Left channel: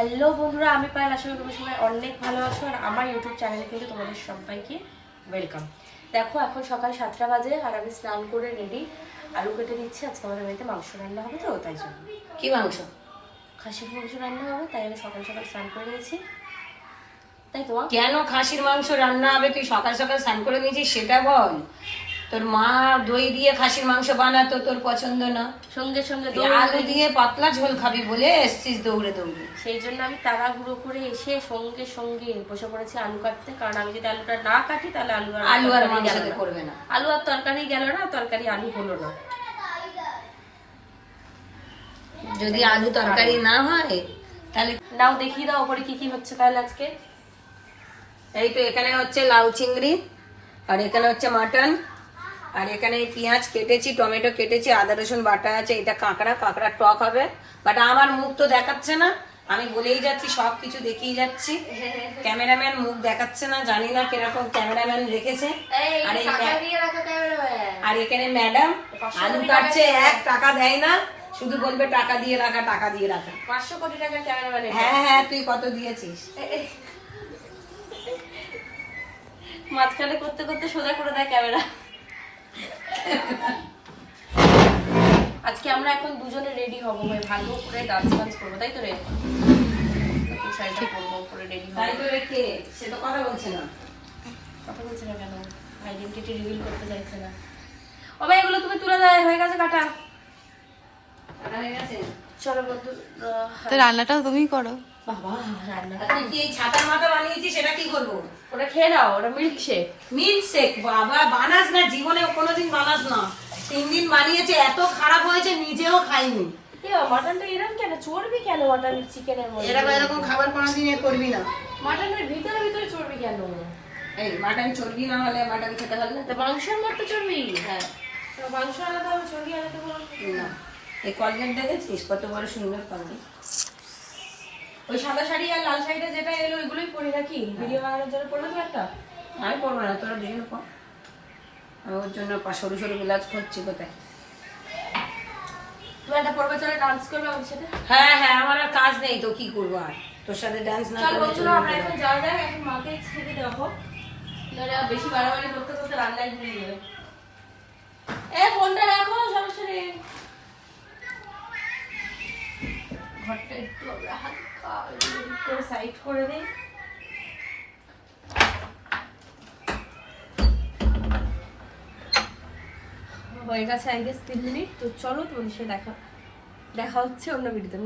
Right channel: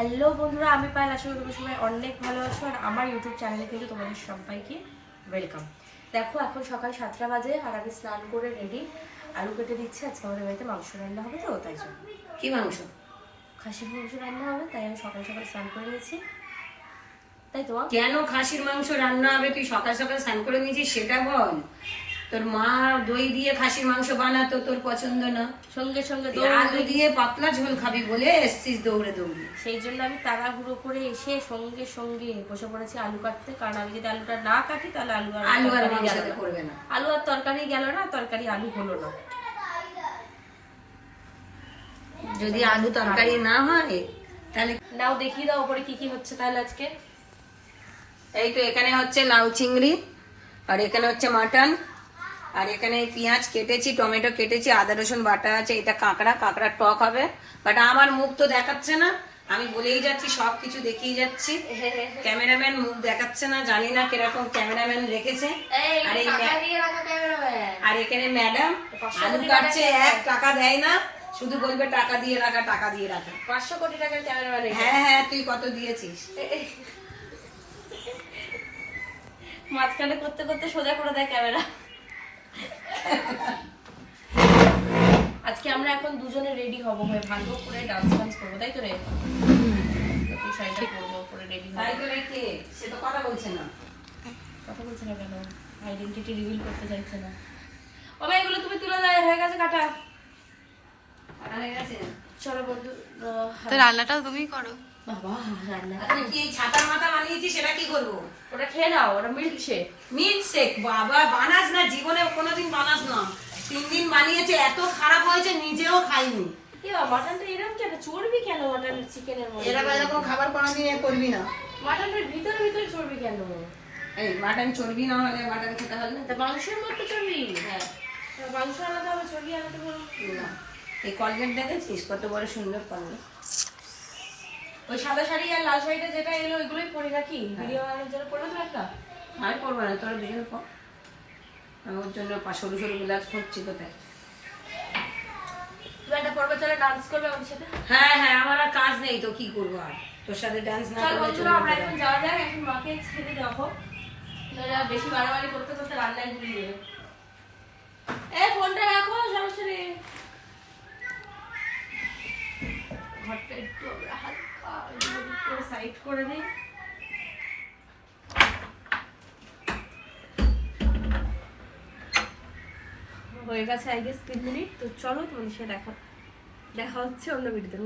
Hello বন্ধুরা আমি পায়েল। আশা করি সবাই অনেক ভালো আছো আর আমার ইউটিউব চ্যানেলে কিন্তু তোমাদের সবাইকে ওয়েলকাম দেখো এখন সকাল সাতটা বাজে আর আমি স্নান করে রেডি আলু কেটে দিচ্ছি আজকে আমাদের বাড়িতে মাংস রান্না হবে তো তাই জন্য। কি মাংস? খাসির মাংস রান্না হবে তাই আমি সকাল সকাল স্নান করে নিয়েছি। তাই তোমার? কেন খাসির মাংস রান্না হবে? তুই সকাল সকাল স্নান করে নিয়েছিস সেটা বল। তোর মা দই দিয়ে খাসির মাংস বানাতো তোর পছন্দ না। সঙ্গে সঙ্গে আলু দিয়ে পাতলা ঝোল খাবি বলে এসছিস দৌড়ে দৌড়ে। সেই জন্য আমি তাড়াহুড়ো করে এসে সঙ্গে সঙ্গে বসে পড়েছি আলু কাটতে। কারণ আমি যদি আলুটা না কাটি তাহলে আলু আর আলু আর মাংসতে করবে না। আলু আর তরকারি গেল না তরকারি আলু হলো না। যদি আলু তরকারি না হয় তাহলে নাও দেখিয়ে দাও ওপরে কি কি হচ্ছে তাহলে আজকে। এই তো এখানে হচ্ছে লাউ চিংড়ি আর এখানে হচ্ছে মাটন। আর এখানে পেঁয়াজ কেটেছি টমেটো কেটেছি আদা রসুন বাটা আছে এটা কাঁকড়া কাঁকড়া টক হবে। বাট আমার মুখ তো দেখাচ্ছে না আমি বলেই যাচ্ছি সব কিছু দেখিয়ে যাচ্ছি। ক্যামেরাম্যান মুখ দেখাচ্ছে না জানি না কীরকম ক্যামেরাম্যান রেখেছে। আর এই আর এখানে ম্যাডাম আলু কাটছে এক টাকা দেয় না শুধু বলবে টাকা দিয়ে রাখা টাকা দিয়ে রাখা। পাঁচশো কোটি টাকার ক্যামেরাম্যান হ্যাঁ হ্যাঁ তুই কত দিয়েছিস? মাঝখানে করতে করতে সোজা করে দেয় ক্যামেরা। আজকে আমরা এখন দুজনে রেডি হব হয়ে ভালো করে ডান্স ফান্স করব তাই তো রে? শাড়িটা পরবো করে রেডি তাই হব করে কে? সে তো কথা বলছে না। কথা বলছে না কেন? আইডেন্টিটি রিভিল করতে চাইছে না। ও ভাই এগুলো তুমি তুলে দেয় হয়ে গেছে কাটা। হয়ে গেছে। চলো বন্ধু তো রান্নাটা তুমি করো। বাবা রান্না কি এই ছাতার মাথা বানিয়েছিস সেটা কি করব? ওটা খেয়ে নাও ওটা মিল্ক শেক মিল্ক শেক বাবা বানাস না জীবনে কোনোদিন বানাস না। তিন দিন বানিয়েছে এত খারাপ হয়েছে নিজেও খাইনি। মাটনটা এরকম কেন? চর্বি কেন মাটন চিকেনের মধ্যে? এরকম এরকম খাবার কোনোদিন করবি না। মাটনের ভিতরে ভিতরে চর্বি কেন? এই মাটন চর্বি না হলে মাটন খেতে হবে না। তো মাংসের মধ্যে চর্বি? হ্যাঁ। মাংস আলাদা হবে চর্বি আলাদা হবে? না। এই কলগেট দেখেছিস? কত বড় সুন্দর কলগেট ওই সাদা শাড়ি আর লাল শাড়িটা যেটা এলো ওইগুলোই পরে রাখি। ভিডিও বানানোর জন্য পরবে তো একটা? আমি পড়ব না তোরা পর। আমি ওর জন্য সরু সরু গুলাজ খুঁজছি কোথায়। তুমি একটা পরবে চলে ডান্স করবে আমার সাথে। হ্যাঁ হ্যাঁ আমার আর কাজ নেই তো কি করব আর? তোর সাথে ডান্স না চল বন্ধুরা আমরা এখন যাওয়া যাক এখন মাকে ছেড়ে দেখো আর বেশি বাড়াবাড়ি করতে করতে রান্নায় গুলিয়ে যাবে এ ফোনটা রাখো সমস্যা নেই ঘরটা একটু আমরা হালকা একটু সাইড করে নিই হয়ে গেছে আই গেস তিন মিনিট তো চলো তোমাদের সাথে দেখা দেখা হচ্ছে অন্য ভিডিওতে।